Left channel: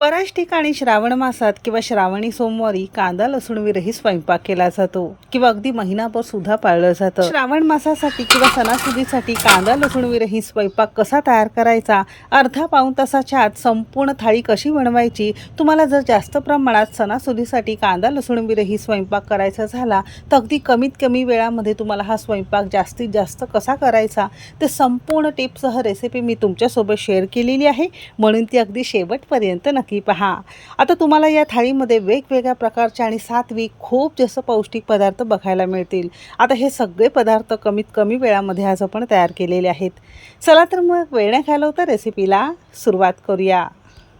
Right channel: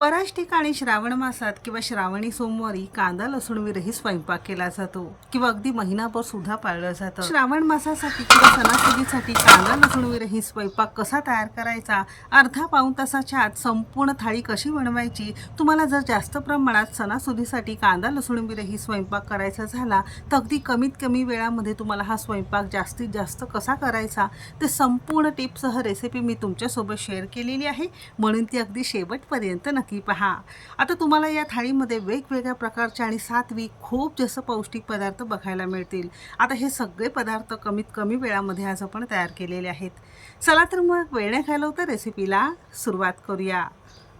बऱ्याच ठिकाणी श्रावण मासात किंवा श्रावणी सोमवारी कांदा लसूण विरही स्वयंपाक केला जातो किंवा अगदी महिनाभर सुद्धा पाळलं जातं. श्रावण मासासाठी किंवा सणासुदीसाठी कांदा लसूण विरही स्वयंपाक कसा तयार करायचा? अर्धा पाऊण तासाच्या आत संपूर्ण थाळी कशी बनवायची? तुम्हाला जर जास्त प्रमाणात सणासुदीसाठी कांदा लसूण विरही स्वयंपाक करायचा झाला तर अगदी कमीत कमी वेळामध्ये तुम्हाला हा स्वयंपाक जास्तीत जास्त कसा करायचा? ते संपूर्ण टिप्ससह रेसिपी मी तुमच्यासोबत शेअर केलेली आहे. म्हणून ती अगदी शेवटपर्यंत नक्की की पहा आता तुम्हाला या थाळीमध्ये वेगवेगळ्या प्रकारचे आणि सात्विक खूप जास्त पौष्टिक पदार्थ बघायला मिळतील. आता हे सगळे पदार्थ कमीत कमी वेळामध्ये आज आपण तयार केलेले आहेत. चला तर मग वेळ नाही घालवता रेसिपीला सुरुवात करूया.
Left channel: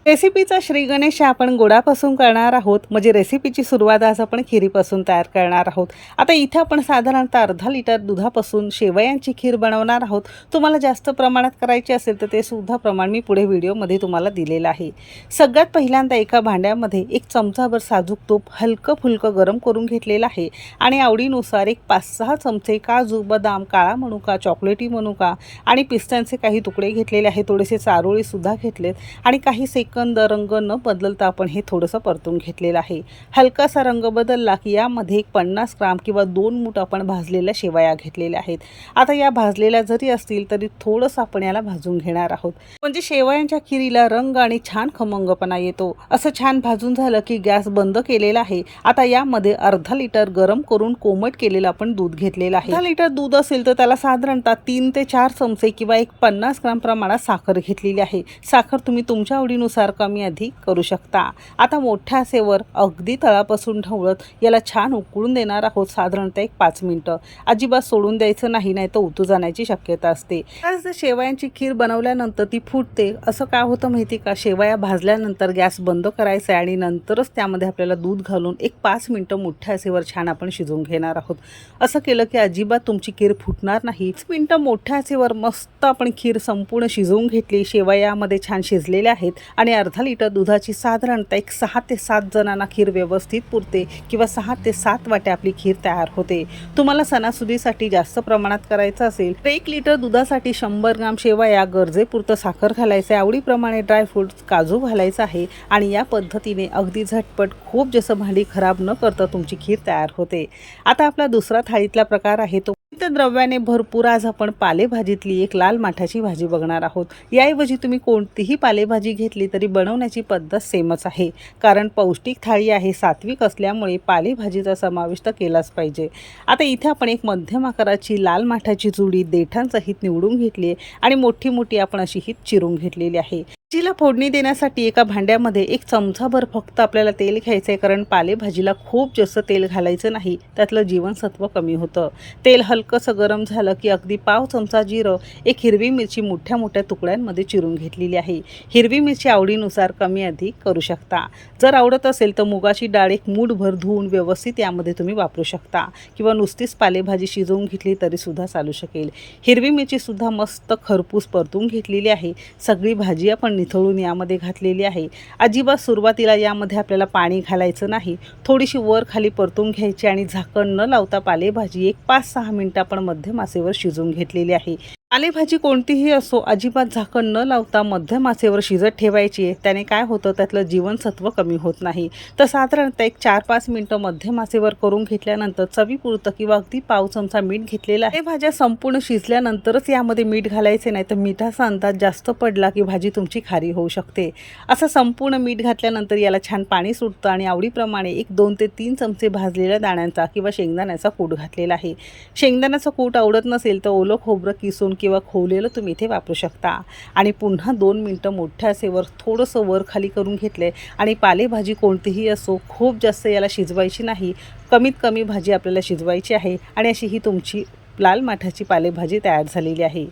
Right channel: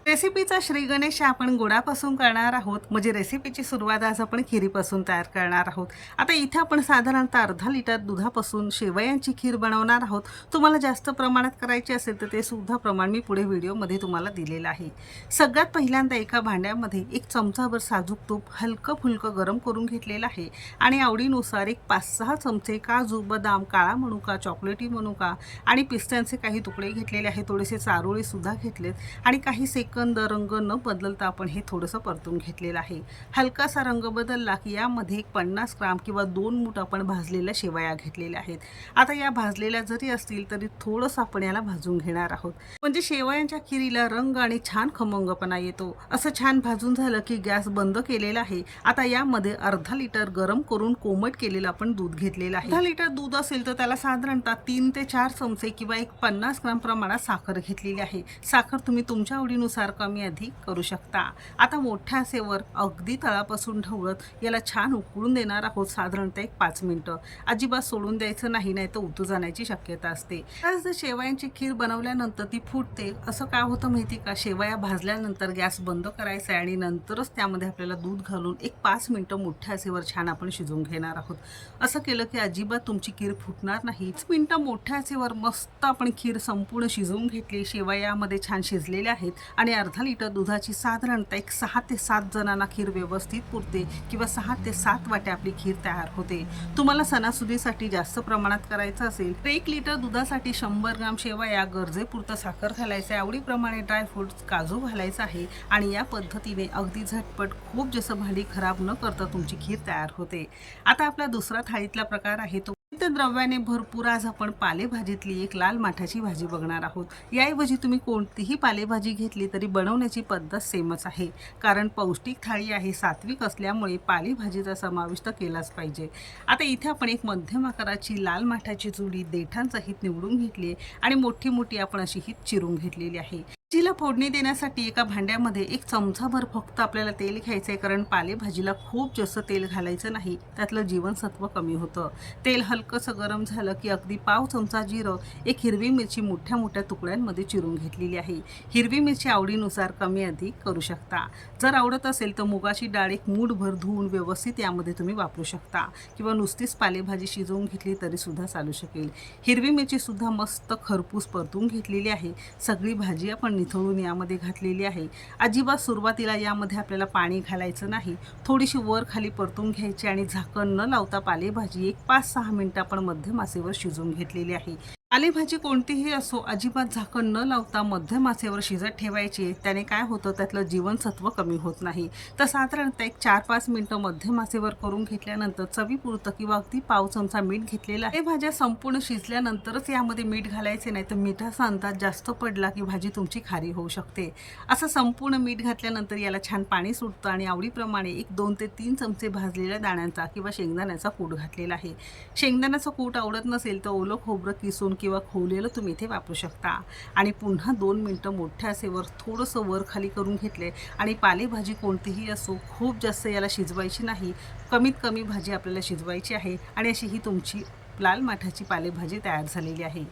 रेसिपीचा श्रीगणेश आपण गोडापासून करणार आहोत. म्हणजे रेसिपीची सुरुवात आज आपण खिरीपासून तयार करणार आहोत. आता इथे आपण साधारणतः अर्धा लिटर दुधापासून शेवयांची खीर बनवणार आहोत. तुम्हाला जास्त प्रमाणात करायची असेल तर ते सुद्धा प्रमाण मी पुढे व्हिडिओमध्ये तुम्हाला दिलेलं आहे. सगळ्यात पहिल्यांदा एका भांड्यामध्ये एक चमचाभर साजूक तूप हलकं फुलकं गरम करून घेतलेलं आहे. आणि आवडीनुसार एक पाच सहा चमचे काजू बदाम काळा मनुका चॉकलेटी मनुका आणि पिस्त्यांचे काही तुकडे घेतलेले आहे थोडेसे चारोळीसुद्धा घेतलेत. आणि काही सेक सेकंद रंग न बदलता आपण हे थोडंसं परतून घेतलेलं आहे. हलकासा रंग बदलला की यामध्ये एक पन्नास ग्राम किंवा दोन मूठ आपण भाजलेल्या शेवया घेतलेल्या आहेत. आता या भाजलेल्या जरी असतील तरी थोडंसं आपण याला भाजून घेणार आहोत. म्हणजे शेवयांच्या खिरीला रंग आणि छान खमंगपणा येतो. असं छान भाजून झालं की गॅस बंद केलेला आहे. आता यामध्ये अर्धा लिटर गरम करून कोमट केलेलं आपण दूध घेतलेलं आहे. अर्धा लिटर दूध असेल तर त्याला साधारणतः तीन ते चार चमचे किंवा एक पन्नास ग्राम प्रमाणात साखर घेतलेली आहे. साखर तुम्ही तुमच्या आवडीनुसार कमी अधिक करू शकता. आता मोठ्या आसेवर अगदी तळापासून ढवळत याला छान उकळून देणार आहोत साधारणतः एक पाच मिनटं. अजिबात सोडून द्यायचं नाही नाही तर उतू जाण्याची शक्यता असते. आज शेवयांची खीर बनवल्यानंतर ती फुटते असं काय होतं माहिती का? शेवया भाजल्यानंतर गॅस बंद करायचा आहे आणि नंतरच त्यामध्ये आपल्याला दूध घालून एक पाच मिनटं मोठ्या आसेवर छान आपण शिजवून घेणार आहोत. असं केलं की अजिबात तुमची खीर फुटणार नाही. मिनटं मोठ्या आचेवर मस्त आपण खीर संपूर्ण शिजवून घेतली. शेवयामध्ये छान शिजलेल्या आहेत आणि अर्धा लिटर दुधाची साधारणतः एक सहा ते सात जणांना खीर व्यवस्थित पुरते किंवा सहा ते सात वाटे आपली खीर तयार होते. तुम्हाला सणासुदीसाठी जास्त प्रमाणात करायचं असेल तर एक लिटर दुधासाठी शंभर ग्राम शेवा या गरजेपुरतं साखर घालायचं आहे. आवडीप्रमाणे ड्रायफ्रूट्स काजू घालायचं आहे आणि या पद्धतीने अगदी झटपट खूप जसं भांडी खराब न करता तुमची खीर तयार होते. आता आपला दुसरा थाळीतला प्रकार आहे तो द्रव्याने भरपूर आज आपण पालेभाजीतली एक लाल माठाची भाजी बघणार आहोत. याऐवजी तुम्ही कोणतीही पालेभाजी घेतली तरी बनवण्याची पद्धत सेमच आहे. कारण पौष्टिक थाळी आहे सात्विक असल्यामुळे पालेभाजीचा समाविष्ट केलाच पाहिजे. आता इथे आपण एक मध्यम आकाराची लाल माठाची जुडी देठांसहित निवडून घेतली आहे आणि मोठी मोठी आपण अशी ही चिरून घेतलेली आहे. भाजीला फोडणी देण्यासाठी एका भांड्यामध्ये एक चमचाभर फक्त आपल्याला तेल घ्यायचं आहे कारण पालेभाजीला खूप जास्त तेल घालायचं नाही. त्यातलं जीवनसत्व कमी होतं. तेल हलकंसं गरम झालं की अगदी पाव चमचा जिरं एक हिरवी मिरची मोठ्या मोठ्या तुकड्यांमध्ये चिरून घेतलेली आहे. हिरवी मिरची आवडीनुसार कमी अधिक करू शकता. जर आवडत असेल तर मुगाची डाळ एक मूठभर धुवून व्यवस्थित यामध्ये तुम्ही वापरू शकता. किंवा नुसतीच पालेभाजी शिजवून घेतली तरीसुद्धा चालू शकेल. हिरवी मिरचीसुद्धा मस्त खरपूस परतून घेतलेली आहे. सगळी भाजी आपण निथळून यामध्ये घातलेली आहे. अजिबात सुरुवातीला यामध्ये आपल्याला पाणी घालायचं नाही. थोडीशी वर खाली परतून घ्यायची आणि झाकण न लावता पालेभाजी एक पाच सहा मिनटं आपण मध्यम मासेवर शिजवून घेतलेली आहे. पालेभाजी कोणतीही असो अजिबात झाकण न लावता मध्यम आचेवर शिजत ठेवायची. आहे त्याने काय होतं? त्यातलं जीवनसत्व कमी होत नाही. तर साधारणतः एक चार पाच मिनटं मध्यम आचेवर करून घेतल्यानंतर चवीपुरतं किंवा अगदी पाव चमचा मीठ घेतलेला आहे. भाज्या संपूर्ण शिजल्यानंतरच यामध्ये मीठ घालायचे नाही तर मिठाचा अंदाज जास्त पडला की भाजी तुमची खारी होऊ शकते. असं संपूर्ण मीठ घातल्यानंतर याला छान पाणी सुटतं आणि आवडीप्रमाणे एक दोन ते तीन चमचे भाजलेल्या दाण्यांचा किंवा शेंगदाण्याचा कूट घातलेला आहे. शेंगदाण्याचा कूट आवडत नसेल तर ओलं खोबरं किसून किंवा खोवलेलं तुम्ही इथे वापरू शकता. आणि पुन्हा दोन मिनटं मोठ्या असेवर थोडंसं वर खाली करून घेतले आणि पालेभाजी कोणतीही असो खूप जास्त याला शिजवायची नाही. कमीत कमी भाजी आपल्याला शिजवायची आहे. आणि अशी ही तुमची लाल माठाची पालेभाजी तयार झालेली आहे.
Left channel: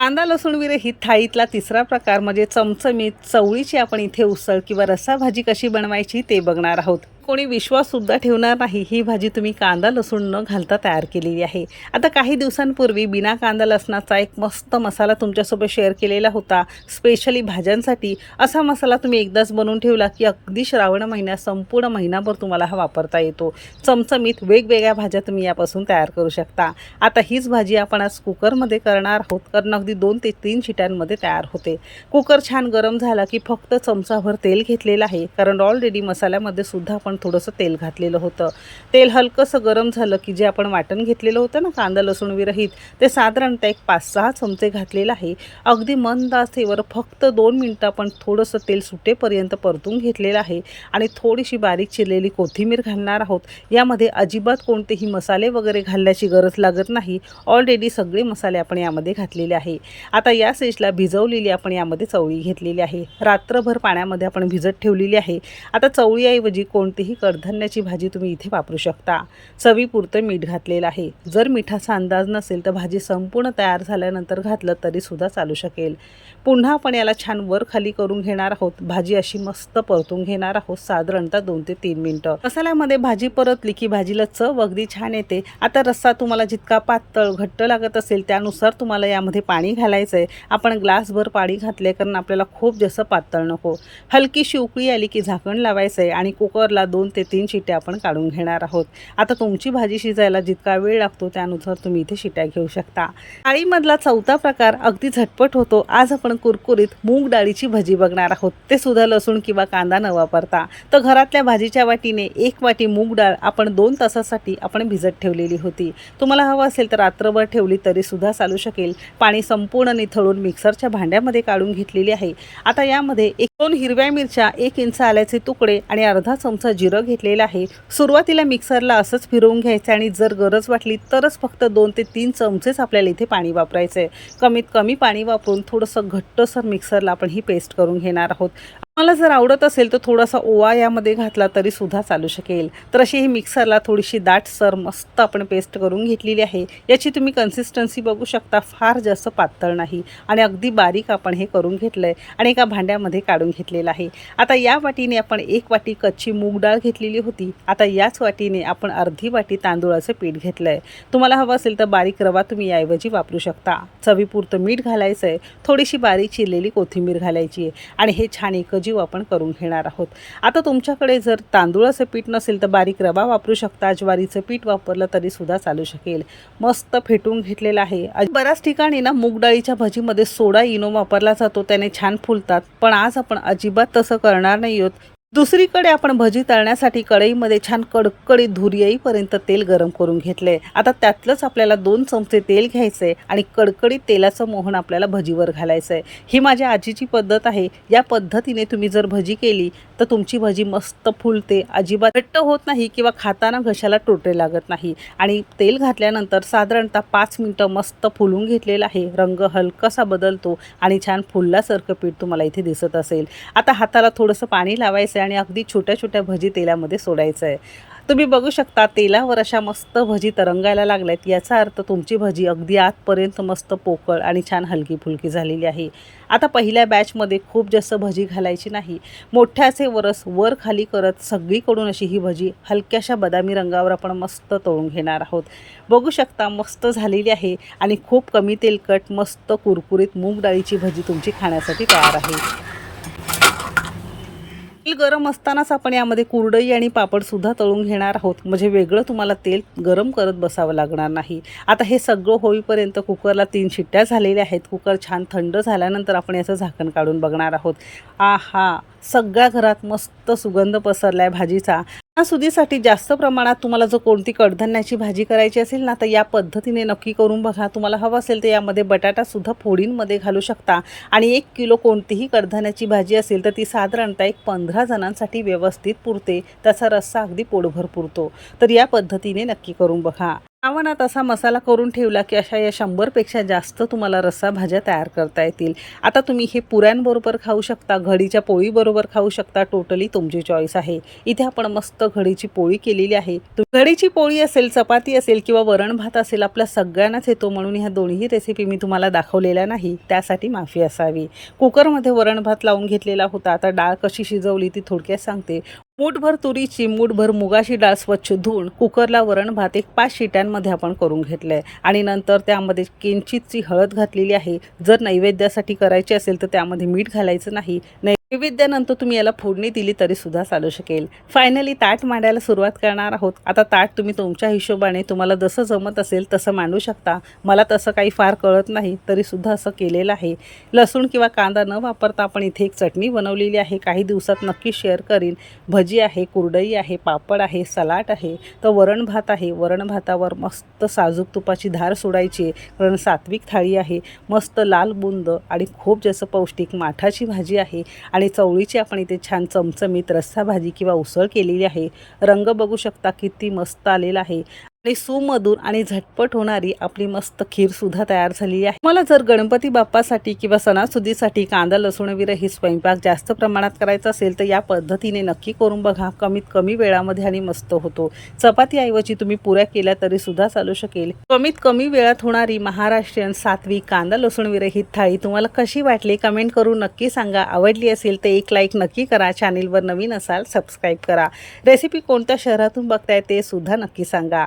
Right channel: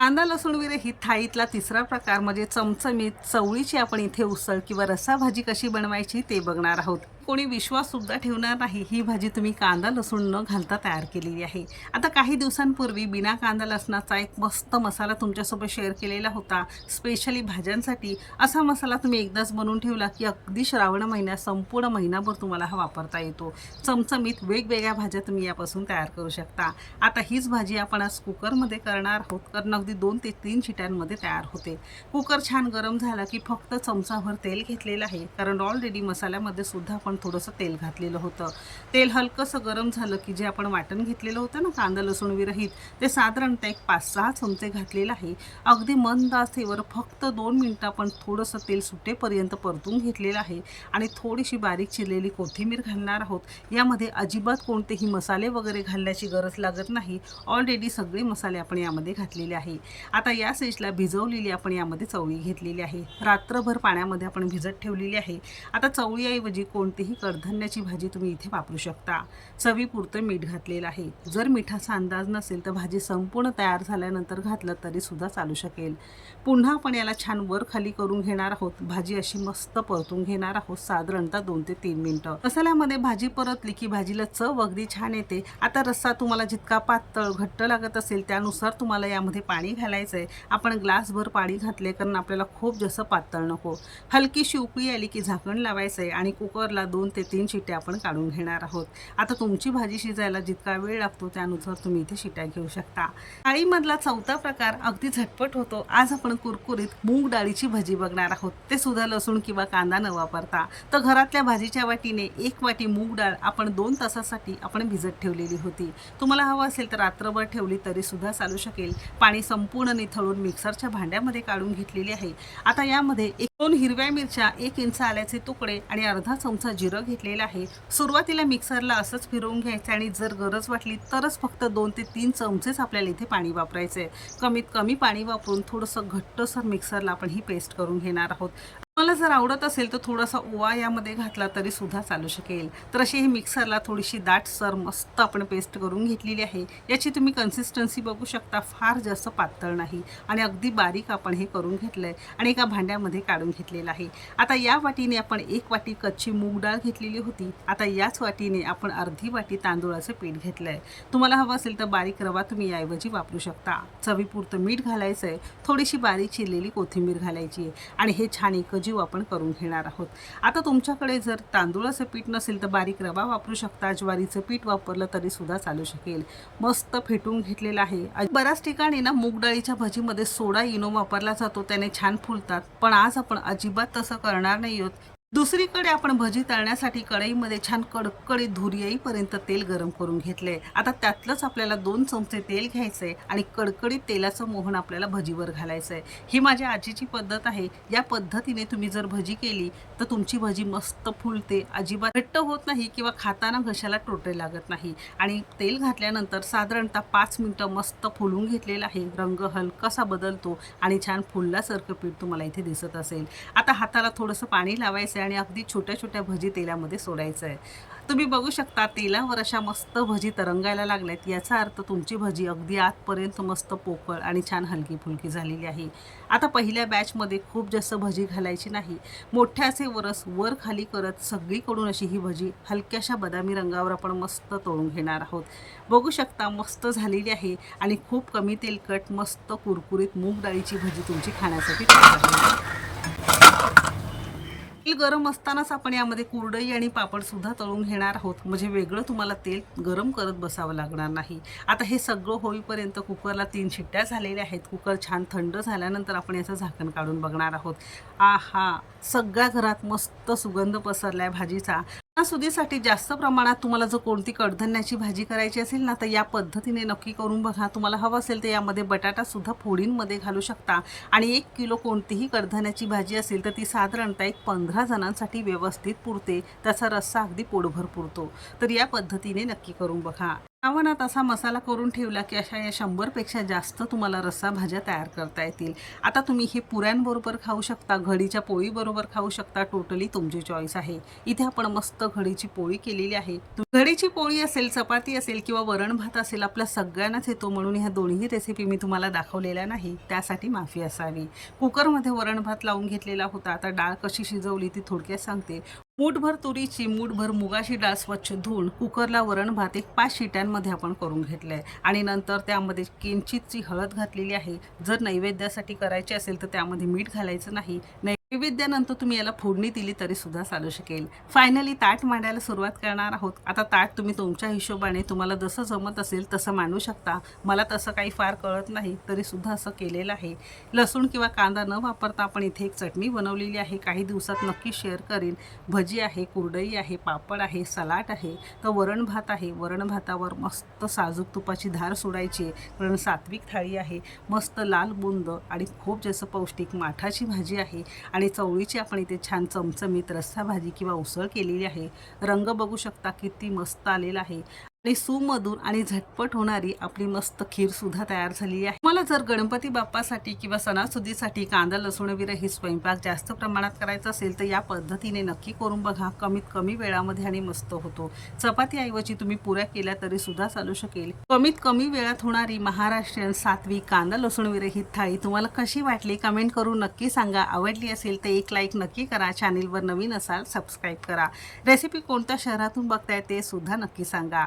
कांदा लसूण विरहित थाळीतला तिसरा प्रकार. म्हणजे चमचमीत चवळीची आपण इथे उसळ किंवा रसाभाजी कशी बनवायची ते बघणार आहोत. कोणी विश्वाससुद्धा ठेवणार नाही. ही भाजी तुम्ही कांदा लसूण न घालता तयार केलेली आहे. आता काही दिवसांपूर्वी बिना कांदा लसणाचा एक मस्त मसाला तुमच्यासोबत शेअर केलेला होता. स्पेशली भाज्यांसाठी असा मसाला तुम्ही एकदाच बनवून ठेवला की अगदी श्रावण महिन्यात संपूर्ण महिनाभर तुम्हाला हा वापरता येतो. चमचमीत वेगवेगळ्या भाज्या तुम्ही यापासून तयार करू शकता. आता हीच भाजी आपण आज कुकरमध्ये करणार आहोत. कारण अगदी दोन ते तीन शिट्यांमध्ये तयार होते. कुकर छान गरम झाला की फक्त चमचाभर तेल घेतलेलं आहे. कारण ऑलरेडी मसाल्यामध्ये सुद्धा आपण थोडंसं तेल घातलेलं होतं. तेल हलकंसं गरम झालं की जे आपण वाटण घेतलेलं होतं ना कांदा लसूण विरहित ते साधारणतः एक पाच सहा चमचे घातलेलं आहे. अगदी मंद आचेवर फक्त दोन मिनटं आपण थोडंसं तेल सुटेपर्यंत परतून घेतलेलं आहे आणि थोडीशी बारीक चिरलेली कोथिंबीर घालणार आहोत. यामध्ये अजिबात कोणतेही मसाले वगैरे घालण्याची गरज लागत नाही. ऑलरेडी सगळे मसाले आपण यामध्ये घातलेले आहे. आता या स्टेजला भिजवलेली आपण यामध्ये चवळी घेतलेली आहे. रात्रभर पाण्यामध्ये आपण भिजत ठेवलेली आहे. आता चवळीऐवजी कोणतीही कडधान्याची भाजी तुम्ही इथे वापरू शकता. चवीपुरतं मीठ घातलेलं आहे. जर मिठाचा अंदाज नसेल तर भाजी संपूर्ण तयार झाल्यानंतर घातलं तरीसुद्धा चालू शकेल. पुन्हा आपण याला छान वर खाली करून घेणार आहोत. भाजी अशी मस्त परतून घेणार आहोत. साधारणतः दोन ते तीन मिनटं. मसाल्यामध्ये भाजी परतली की भाजीला चव अगदी छान येते. आता रस्सा तुम्हाला जितका पातळ घट्ट लागत असेल त्यानुसार तुम्हाला यामध्ये पाणी घालायचं आहे आपण ग्लासभर पाणी घातले कारण आपल्याला खूप जास्त पातळ नको. हलकीशी उकळी आली की झाकण लावायचं आहे आणि कुकरला दोन ते तीन शिट्या आपण काढून घेणार आहोत. आता तुमची भाजी शिजायला जितका वेळ लागतो त्यानुसार तुम्ही इथे शिट्या घेऊ शकता. डाळीमधला चौथा प्रकार अगदी झटपट होतो. आज आपण आपण कुरकुरीत मूग डाळीची भजी बघणार आहोत. ते सुद्धा लसूण किंवा कांदा न वापरता. तर घरातल्या भाजीच्या वाटीने एक वाटी मूग डाळ आपण दोन तासासाठी आपण भिजत ठेवलेली होती. तुम्हाला हवं असेल तर रात्रभर ठेवली तरी सुद्धा चालू शकेल. पाणी संपूर्ण निथळून मिक्सरच्या भांड्यामध्ये काढून घेतलेली आहे. आता यामध्ये एक दोन हिरव्या मिरच्या एक इंच आल्याचे तुकडे आणि अर्धा चमचा जिरं घेतलेला आहे. सुरुवातीला मिक्सरला असंच फिरवून घ्यायचं आणि जर गरज वाटली तरच फक्त दोन ते तीन चमचेच आपल्याला इथे पाणी वापरायचं आहे कमीत कमी पाणी वापरून थोडंसं घट्टसर मिक्सरला आपण ही पेस्ट करून घेणार आहोत. मला जर आवडत असेल तर थोडासा ओवा यामध्ये घातला तरी सुद्धा चालू शकेल. तर अशी ही मिक्सरला थोडीशी दाटसर मस्त आपण पेस्ट करून घेतलेली आहे. याची तुम्ही कन्सिस्टन्सी बघू शकता फार जास्त पातळ नाही आणि अगदी बारीक आपण हे करून घेतलं आहे आणि एका भांड्यामध्ये काढून घेतलेलं आहे. आता या वाटीने आपण एक वाटी कच्ची मूग डाळ घेतलेली होती. आता याच वाटीने आपण अर्धी वाटी तांदूळाचं पीठ घेतलं आहे तुम्हाला हवं असेल तर बारीक रवा तुम्ही याऐवजी वापरू शकता. चवीपुरतं मीठ घालायचं आहे थोडीशी बारीक चिरलेली कोथिंबीर घालायची आहे. आणि हे छान जीव आपण करून घेणार आहोत. आता तुमच्याकडे जर तांदूळाचं पीठ नसेल तर बारीक रवा वापरू शकता. ज्वारीचं पीठ वापरलं तरी सुद्धा चालू शकेल. मस्त फेटून घेतलेलं आहे. बऱ्याच ठिकाणी ना मूगडाळीच्या भजीमध्ये सोडा इनो वापरला जातो. त्याने छान फुलतात. पण आज आपण अजिबात तसं करणार नाही आहोत. दुसरीकडे आपण भजी तळण्यासाठी कढईमध्ये छान कडकडीत धूर येईपर्यंत तेल गरम करून घेतले. आता त्यातलंच आपल्याला दोन चमचे तेल घ्यायचे आणि कडकडीत तेलाचं मोहन आपल्याला भजीवर घालायचं आहे ही माझ्या आजीची पद्धत आहे. या पद्धतीने तुम्ही जर भजी केली तर तुमची भजी मस्त फुलते. अजिबात घट्ट होत नाही किंवा खाताना घशाला टोटे लागत नाही. आणि तेल घातल्यानंतर साधारणतः पाच मिनटं मस्त फुलून घेतलेलं आहे. रंग हलकासा बदलतो आणि छान फुलल्यासारखं पीठ तुम्हाला इथे दिसत असेल. आता हाताला थोडंसं पाणी लावायचं आहे आणि अगदी छोट्या छोट्या भजी तेलामध्ये सोडायचं आहे तुम्ही बघू शकता तेलावर अशा मस्त भजी तरंगायला लागल्यात. याचा अर्थ तुमची भजी अगदी आतपर्यंत मस्त पोकळ आणि छान हलकी फुलकी झालेली आहे. आता पहिल्या बॅचमध्ये खूप जास्त भजी घालायची नाही. मोठ्याचे वरस वर खाली करत सगळीकडून अशी ही भजी हलक्याशा बदामी रंगावर आपण मस्त तळून घेणार आहोत. बघू शकता मस्त झालेली आहे आणि खूप कमी तेलकट मस्त कुरकुरीत मूग डाळीची भजी तुमची खाण्यासाठी तयार आहे. तेल गरम असतानाच आपण यामध्ये कुरडई आणि पापड सुद्धा तळून घेणार आहोत. म्हणजे वेगळं तुम्हाला तेल गरम करत बसावं लागणार नाही. आता हे सगळं होईपर्यंत कुकरला तीन शिट्ट्या झालेल्या आहेत. कुकर छान थंड झाल्यानंतर आपण याचं झाकण काढून बघणार आहोत. आ हा सगळ्या घरात मस्त सुगंध पसरला आहे भाजीचा. सुदीसाठी जास्त प्रमाणात तुम्हाला जर कोणती कडधान्याची भाजी करायची असेल ना तर या पद्धतीने नक्की करून बघा. तुम्हाला हवं असेल तर यामध्ये बटाटासुद्धा फोडींमध्ये घालू शकता. आणि एक किलो कोणतीही कडधान्याची भाजी असेल तर ती साधारणतः एक पंधरा जणांसाठी व्यवस्थित पुरते. त्याचा रस्सा अगदी पोटभर पुरतो. तर या पद्धतीने नक्की करून बघा. आव्हानात असा मसाला करून ठेवला की अशा या शंभरपेक्षा जास्त तुम्हाला रस्सा भाज्या तयार करता येतील. आता तुम्ही हे पुऱ्यांबरोबर खाऊ शकता घडीच्या पोळीबरोबर खाऊ शकता. टोटली तुमची चॉईस आहे. इथे आपण मस्त घडीची पोळी केलेली आहे. घडीची पोळी असेल चपाती असेल किंवा वरण भात असेल आपल्या सगळ्यांनाच येतो म्हणून ह्या दोन्ही रेसिपी मी तुम्हाला दाखवलेल्या नाही. त्यासाठी माफी असावी. कुकरमध्ये वरण भात लावून घेतलेला होता. आता डाळ कशी शिजवली ती थोडक्यात सांगते. मूठभर तुरीची मूठभर मुगाची डाळ स्वच्छ धुवून कुकरला वरण भात एक पाच शिट्यांमध्ये आपण करून घेतलं आहे आणि नंतर त्यामध्ये किंचितची हळद घातलेली आहे. जर नैवेद्यासाठी करायची असेल तर त्यामध्ये मीठ घालायचं नाही. विविध्यानंतर तुम्ही याला फोडणी दिली तरी सुद्धा चालू शकेल. फायनली ताट मांडायला सुरुवात करणार आहोत. आता ताट तुम्ही तुमच्या हिशोबाने तुम्हाला जसं जमत असेल तसं मांडू शकता. मला तसं काही फार कळत नाही तरी सुद्धा असं केलेलं आहे. लसूण किंवा कांदा न वापरता आपण इथे एक चटणी बनवलेली आहे. काही दिवसात नक्की शेअर करीन. भजी आहे कुरडई आहे पापड आहे सलाड आहे. तर वरण भात आहे. वरण भातावर मस्त साजूक तुपाची धार सोडायची कारण सात्विक थाळी आहे. मस्त लाल बुंद आणि खूप जसं पौष्टिक माठाची भाजी आहे. आणि चवळीची आपण इथे छान चमचमीत रस्सा भाजी किंवा उसळ केलेली आहे. रंग बघू शकता किती मस्त आलेला आहे. आणि सुमधूर आणि झटपट होणारी आपली मस्त खीरसुद्धा तयार झालेली आहे. मला जर गणपती बाप्पासाठी किंवा सणासुदीसाठी कांदा लसूण विरहित स्वयंपाक जास्त प्रमाणात करायचा असेल तर या पद्धतीने नक्की करून बघा. कमीत कमी वेळामध्ये आणि मस्त होतो. चपातीऐवजी तुम्ही पुऱ्या केल्या तरी सुद्धा चालू शकेल. कमीत कमी वेळात होणारी महाराष्ट्रीयन सात्विक कांदा लसूण विरहित थाळी तुम्हाला कशी वाटली कमेंट करून नक्की सांगा. आवडली असेल तर एक लाईक नक्की करा. चॅनेलवर नवीन असाल सबस्क्राईब करा. रेसिपी कोणत्या शहरातून बघताय ते सुद्धा नक्की सांगा.